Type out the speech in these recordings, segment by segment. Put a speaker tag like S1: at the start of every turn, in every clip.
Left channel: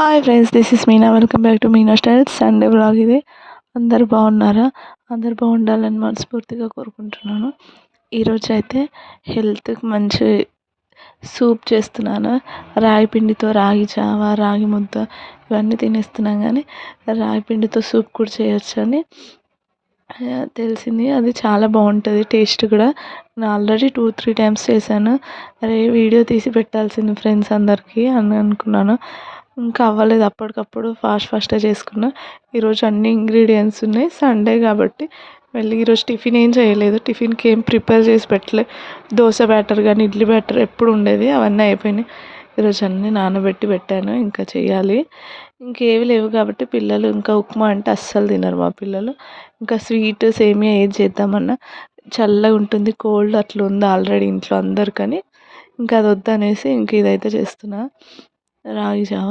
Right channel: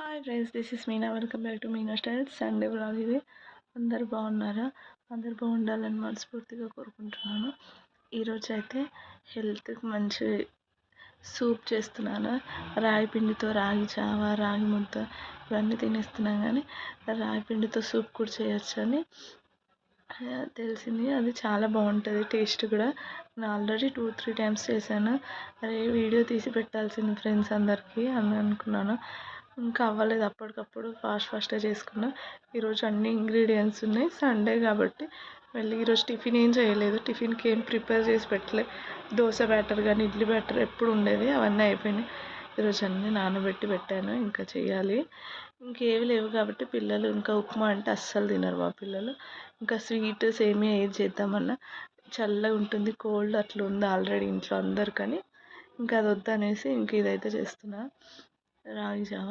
S1: Hi friends this is Meena welcome back to Meena styles Sunday blog ఇది. అందరు బాగున్నారా? అందరు బాగుండాలని మనస్ఫూర్తిగా కోరుకుంటున్నాను. ఈరోజు అయితే హెల్త్కి మంచి సూప్ చేస్తున్నాను. రాగి పిండితో రాగి జావ రాగి ముద్ద ఇవన్నీ తినేస్తున్నాం కానీ రాగి పిండితో సూప్ కూడా చేయొచ్చు అని తెలిసింది. అది చాలా బాగుంటుంది టేస్ట్ కూడా. నేను ఆల్రెడీ టూ త్రీ టైమ్స్ చేశాను. అరే వీడియో తీసి పెట్టాల్సింది ఫ్రెండ్స్ అందరికీ అని అనుకున్నాను. ఇంకా అవ్వలేదు. అప్పటికప్పుడు ఫాస్ట్ ఫాస్ట్గా చేసుకున్న. ఈరోజు అన్ని ఇంగ్రీడియంట్స్ ఉన్నాయి. సండే కాబట్టి మళ్ళీ ఈరోజు టిఫిన్ ఏం చేయలేదు. టిఫిన్కి ఏం ప్రిపేర్ చేసి పెట్టలే. దోశ బ్యాటర్ కానీ ఇడ్లీ బ్యాటర్ ఎప్పుడు ఉండేది అవన్నీ అయిపోయినాయి. ఈరోజు అన్నీ నానబెట్టి పెట్టాను. ఇంకా చేయాలి. ఇంకేవి లేవు కాబట్టి పిల్లలు ఇంకా ఉప్మా అంటే అస్సలు తినరు మా పిల్లలు. ఇంకా స్వీట్ సేమియా ఏది చేద్దామన్నా చల్లగా ఉంటుంది. కోల్డ్ అట్లా ఉంది ఆల్రెడీ ఇంట్లో అందరికని. ఇంకా అది వద్దనేసి ఇంక ఇదైతే చేస్తున్నా. రాగి జావ.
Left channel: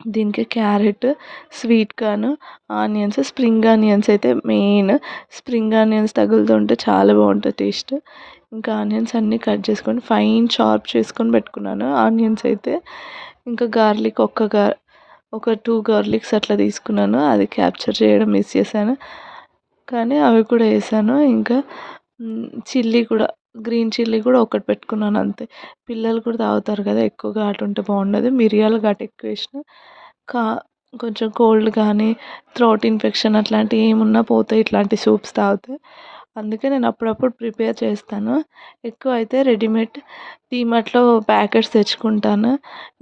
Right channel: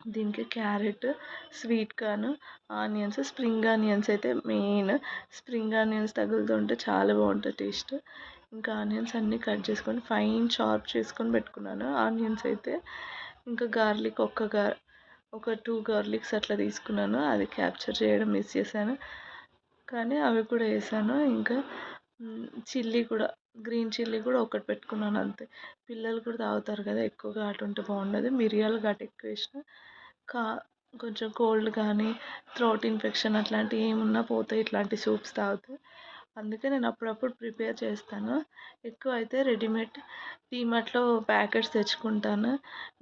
S1: దీనికి carrot sweet corn onions spring onions అయితే మెయిన్. స్ప్రింగ్ ఆనియన్స్ తగులుతుంటే చాలా బాగుంటుంది టేస్ట్. ఇంకా ఆనియన్స్ అన్నీ కట్ చేసుకొని ఫైన్ చాప్ చేసుకొని పెట్టుకున్నాను. ఆనియన్స్ అయితే ఇంకా గార్లిక్ ఒక్క గార్ ఒక టూ గార్లిక్స్ అట్లా తీసుకున్నాను. అది క్యాప్చర్ చేయడం మిస్ చేశాను. కానీ అవి కూడా వేసాను. ఇంకా చిల్లీ కూడా గ్రీన్ చిల్లీ కూడా ఒకటి పెట్టుకున్నాను అంతే. పిల్లలు కూడా తాగుతారు కదా ఎక్కువ ఘాటు ఉంటే బాగుండదు. మిరియాలు ఘాటు ఎక్కువ వేసిన కా కొంచెం కోల్డ్ కానీ థ్రోట్ ఇన్ఫెక్షన్ అట్లాంటివి ఏమున్నా పోతాయి ఇట్లాంటి సూప్స్ తాగితే. అందుకే నేను అప్పుడప్పుడు ప్రిపేర్ చేస్తాను. ఎక్కువ అయితే రెడీమేడ్ డీమార్ట్లో ప్యాకెట్స్ తెచ్చుకుంటాను.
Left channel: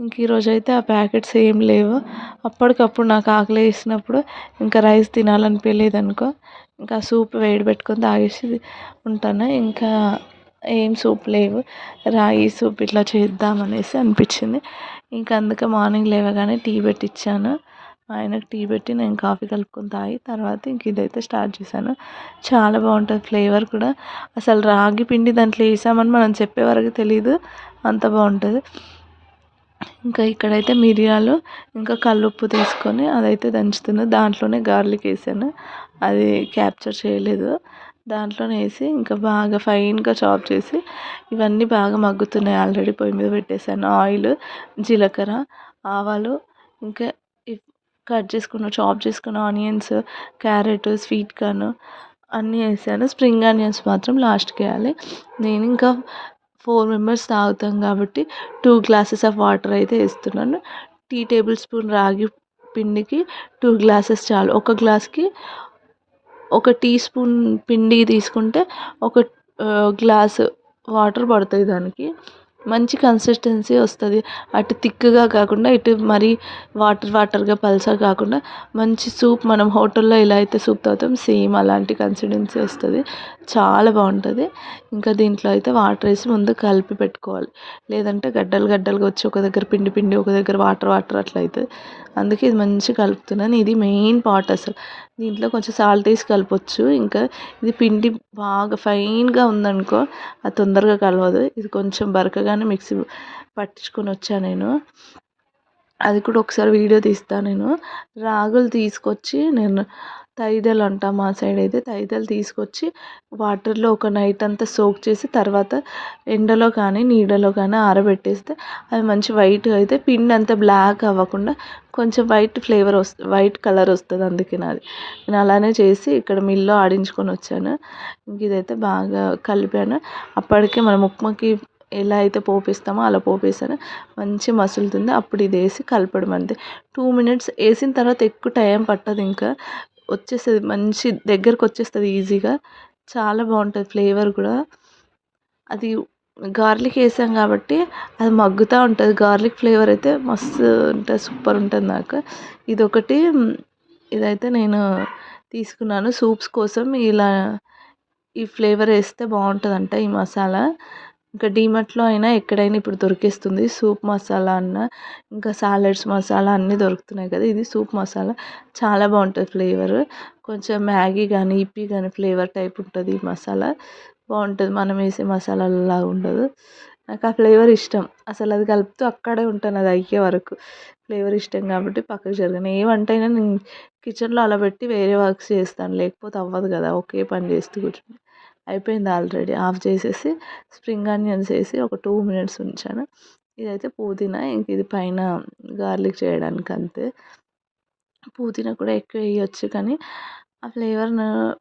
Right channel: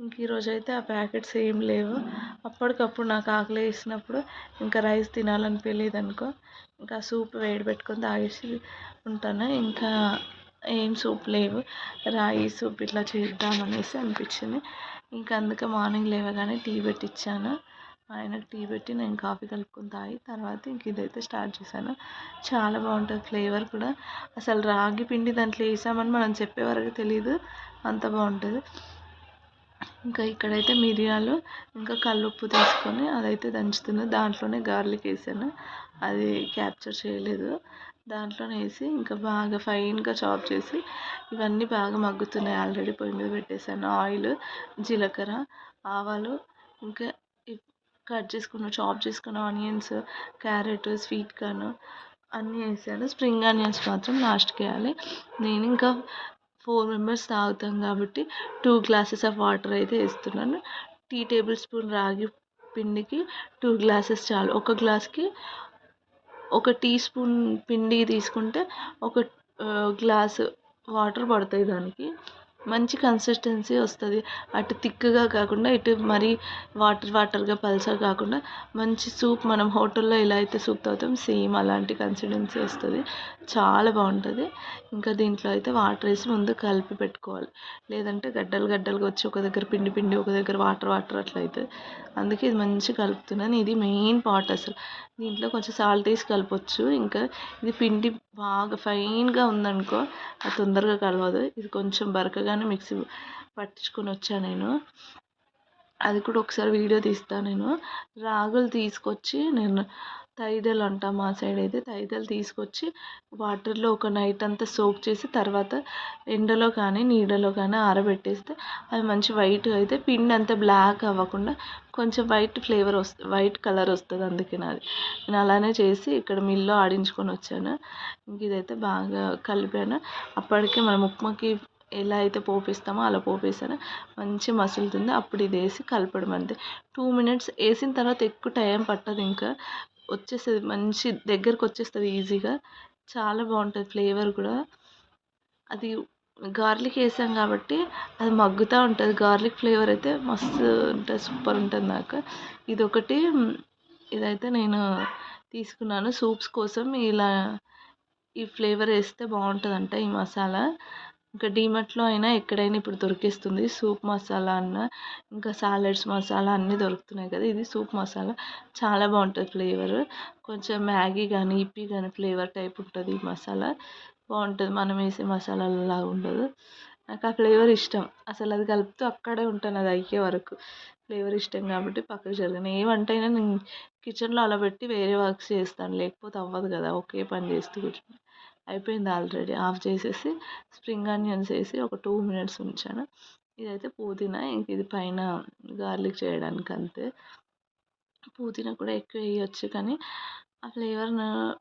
S1: ఇంక ఈరోజు అయితే ఆ ప్యాకెట్స్ ఏం లేవు. అప్పటికప్పుడు నాకు ఆకలి వేసినప్పుడు ఇంకా రైస్ తినాలనిపించలేదు అనుకో ఇంకా సూప్ వేడి పెట్టుకొని తాగేసి ఉంటాను. ఇంకా ఏం సూప్ లేవు. రాగి సూప్ ఇట్లా చేద్దాం అనేసి అనిపించింది. ఇంకా అందుకే మార్నింగ్ లేవగానే టీ పెట్టించాను ఆయనకు టీ పెట్టి నేను కాఫీ కలుపుకొని తాగి తర్వాత ఇంక ఇదైతే స్టార్ట్ చేశాను. చాలా బాగుంటుంది ఫ్లేవర్ కూడా. అసలు రాగి పిండి దాంట్లో వేసామని మనం చెప్పే వరకు తెలియదు అంత బాగుంటుంది. ఇంకా ఇక్కడైతే మిరియాలు ఇంకా కల్లుప్పు తీసుకొని అదైతే దంచుతున్నాను దాంట్లోనే గార్లిక్ వేసాను. అది క్యాప్చర్ చేయలేదు. దాంట్లోనే వేసి ఇంకా బాగా ఫైన్గా చాప్ చేసి ఇవన్నీ బాగా మగ్గుతున్నాయి ఆల్రెడీ పొయ్యి మీద పెట్టేసాను. ఆయిల్ జీలకర్ర ఆవాలు ఇంకా కట్ చేసుకున్న చాప్ చేసుకున్న ఆనియన్స్ క్యారెట్ స్వీట్ కార్న్ అన్నీ వేసాను. స్ప్రింగ్ ఆనియన్స్ మాత్రం లాస్ట్కి వేయాలి. నేను ఇంకా ఫోర్ మెంబర్స్ తాగుతాం కాబట్టి టూ గ్లాసెస్ ఆఫ్ వాటర్ అయితే వేస్తున్నాను. టీ టేబుల్ స్పూన్ రాగి పిండికి టూ గ్లాసెస్ చాలు. ఒక గ్లాస్కి ఒక టీ స్పూన్ పిండి తీసుకుంటే ఒక గ్లాసు వాటర్ పడుతుంది దానికి. మంచి కన్సిస్టెన్సీ వస్తుంది. అటు థిక్గా కాకుండా ఇటు మరీ వాటర్ వాటర్గా పల్చగా కాకుండా మంచి సూప్ మనం హోటల్లో ఎలా అయితే సూప్ తాగుతాం సేమ్ అలాంటి కన్సిస్టెన్సీ వస్తుంది. చాలా బాగుంటుంది. ఇంకా దీంట్లో అయితే వాటర్ వేసి ముందు కలిపి పెట్టుకోవాలి. లేదంటే గడ్డలు గడ్డలుగా వచ్చి ఒక దగ్గర పిండి పిండి ఒక దగ్గర వాటర్ వాటర్ అట్లా అవుతుంది అందుకే ఇది మంచిగా కలుపుతున్నాను. ఇది మెయిన్ పార్ట్ అసలు. దీంట్లో కొంచెం సాల్ట్ వేసి కలపచ్చు. ఇంకా ఇది పిండి బాగా ఫైన్గా ఉందనుకో అది తొందరగా కలవదు. ఇది కొంచెం బరకగానే మిక్సీ పట్టించుకొని వచ్చాను నేను. అది కూడా ఒకసారి వీడియో తీస్తాను నేను. రాగులు తీసుకొచ్చి నేను తైదలు అంటాం మా సైడ్ అయితే. తైదలు తీసుకొచ్చి వాటర్లో ఒక నైట్ అంతా సోక్ చేసి తర్వాత ఎండలో కానీ నీడలో కానీ ఆరబెట్టేస్తే అవి మంచి వైట్గా అయితే పిండి అంతా బ్లాక్ అవ్వకుండా కొంచెం వైట్ ఫ్లేవర్ వస్తుంది వైట్ కలర్ వస్తుంది అందుకే నాది. నేను అలానే చేసి ఇక్కడ మిల్లో ఆడించుకొని వచ్చాను. ఇంక ఇదైతే బాగా కలిపాను. అప్పటికే మనం ఉప్మాకి ఎలా అయితే పోపిస్తామో అలా పోపేసాను మంచి మసులుతుంది అప్పుడు ఇది వేసి కలపడం అంతే. టూ మినిట్స్ వేసిన తర్వాత ఎక్కువ టైం పట్టదు ఇంకా. వచ్చేస్తుంది మంచి దగ్గరకు వచ్చేస్తుంది ఈజీగా. చాలా బాగుంటుంది ఫ్లేవర్ కూడా. అది గార్లిక్ వేసాం కాబట్టి అది మగ్గుతూ ఉంటుంది. గార్లిక్ ఫ్లేవర్ అయితే మస్తు ఉంటుంది సూపర్ ఉంటుంది నాకు. ఇది ఒకటి ఇదైతే నేను తీసుకున్నాను సూప్స్ కోసం. ఇలా ఈ ఫ్లేవర్ వేస్తే బాగుంటుందంట ఈ మసాలా. ఇంకా డీమార్ట్లో అయినా ఎక్కడైనా ఇప్పుడు దొరికేస్తుంది సూప్ మసాలా అన్న. ఇంకా సాలడ్స్ మసాలా అన్నీ దొరుకుతున్నాయి కదా ఇది సూప్ మసాలా. చాలా బాగుంటుంది ఫ్లేవర్. కొంచెం మ్యాగీ కానీ ఇప్పి కానీ ఫ్లేవర్ టైప్ ఉంటుంది ఈ మసాలా. బాగుంటుంది. మనం వేసే మసాలాలలాగా ఉండదు. నాకు ఆ ఫ్లేవర్ ఇష్టం. అసలు అది కలుపుతూ అక్కడే ఉంటాను. అది అయ్యే వరకు ఫ్లేవర్ ఇష్టం కాబట్టి పక్కకు జరగను. ఏ వంట అయినా నేను కిచెన్లో అలా పెట్టి వేరే వర్క్స్ చేస్తాను. లేకపోతే అవ్వదు కదా. ఒకే పని చేస్తూ కూర్చుని. అయిపోయింది ఆల్రెడీ. ఆఫ్ చేసేసి స్ప్రింగ్ ఆనియన్స్ వేసి ఒక టూ మినిట్స్ ఉంచాను. ఇదైతే పుదీనా. ఇంక ఇది పైన గార్లిక్ చేయడానికి అంతే పుదీనా కూడా ఎక్కువ వేయచ్చు కానీ ఆ ఫ్లేవర్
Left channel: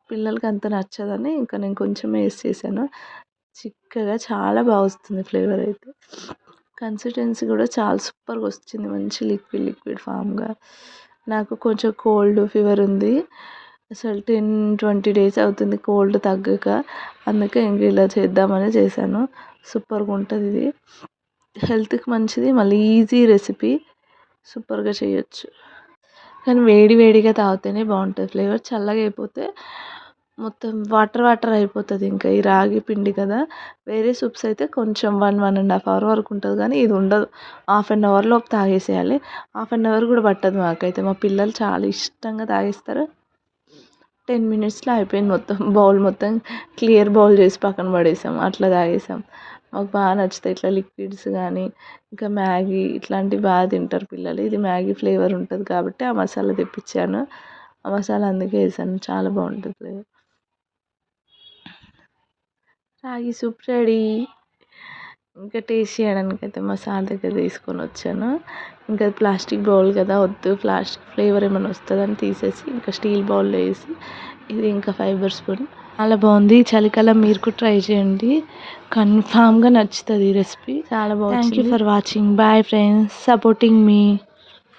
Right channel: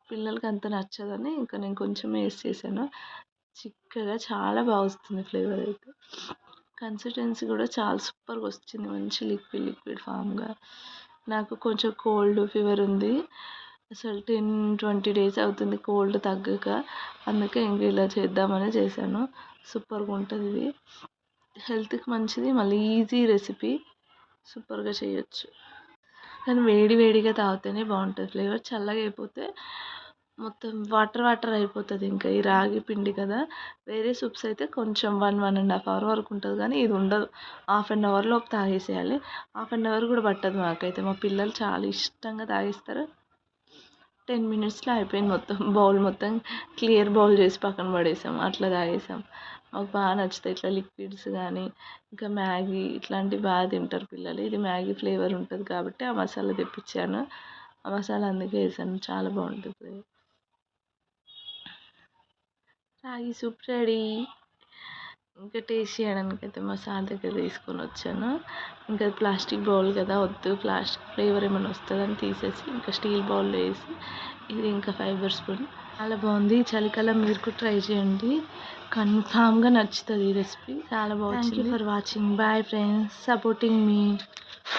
S1: పిల్లలకి అంత నచ్చదని ఇంకా నేను కొంచెం వేసి చేశాను. చిక్కగా చాలా బాగా వస్తుంది ఫ్లేవర్ అయితే. కన్సిస్టెన్సీ కూడా చాలా సూపర్గా వచ్చింది మంచి లిక్విడ్ లిక్విడ్ ఫామ్గా. నాకు కొంచెం కోల్డ్ ఫీవర్ ఉంది. అసలు టెన్ ట్వంటీ డేస్ అవుతుంది కోల్డ్ తగ్గక. అందుకే ఇంక ఇలా చేద్దామని చేశాను. సూపర్గా ఉంటుంది ఇది. హెల్త్కి మంచిది. మళ్ళీ ఈజీ రెసిపీ. సూపర్గా చేయొచ్చు. కానీ వేడి వేడిగా తాగితేనే బాగుంటుంది. ఫ్లేవర్ చల్లగా అయిపోతే మొత్తం వాటర్ వాటర్ అయిపోతుంది ఇంకా ఈ రాగి పిండి కదా. వేరే సూప్స్ అయితే కొంచెం one one and half hour వరకు ఉంటుంది కానీ ఇది ఉండదు. హాఫ్ అన్ అవర్లోపు తాగేసేయాలి. హాఫ్ అన్ అవర్ కూడా పట్టదు మాకైతే. మా పిల్లలు చాలా ఇష్టంగా తాగేస్తారు. టెన్ మినిట్స్లో అయిపోయింది మొత్తం. బౌల్ మొత్తం క్లియర్ బౌల్ చేసి పక్కన పడేసాం. అట్లా తాగేసాం. మాకు బాగా నచ్చుతాయి. ఇట్లా లిక్విడ్స్ కానీ ఇంకా మ్యాగీ ఇట్లాంటివి బాగా తింటారు పిల్లలు. ఇది మ్యాగీ ఫ్లేవర్ ఉంటుంది కాబట్టి ఆ మసాలా తెప్పించాను. ఆ మసాలా అందుకే వేసాను. చాలా బాగుంటుంది ఫ్లేవర్. రాగి సూప్ రెడీ. ఇంకా టేస్ట్ చేయడానికి అయితే మా సార్ దగ్గర తీసుకొని వచ్చాను. ఇంకా ప్లాస్టిక్ బౌల్ కదా వద్దు. ప్లాస్టిక్ ఫ్లేవర్ ఏమైనా వస్తుందని తీసేసి ఇంకా స్టీల్ బౌల్లో వేసి ఇది ఇంకా ఫైబర్ స్పూన్. చాలా బాగుంది. చలికాలం మీరు కూడా ట్రై చేయండి. కన్ఫామ్గా నచ్చుతుంది ఈ రెసిపీ. చాలా బాగుంది thank you for watching bye friends supporting me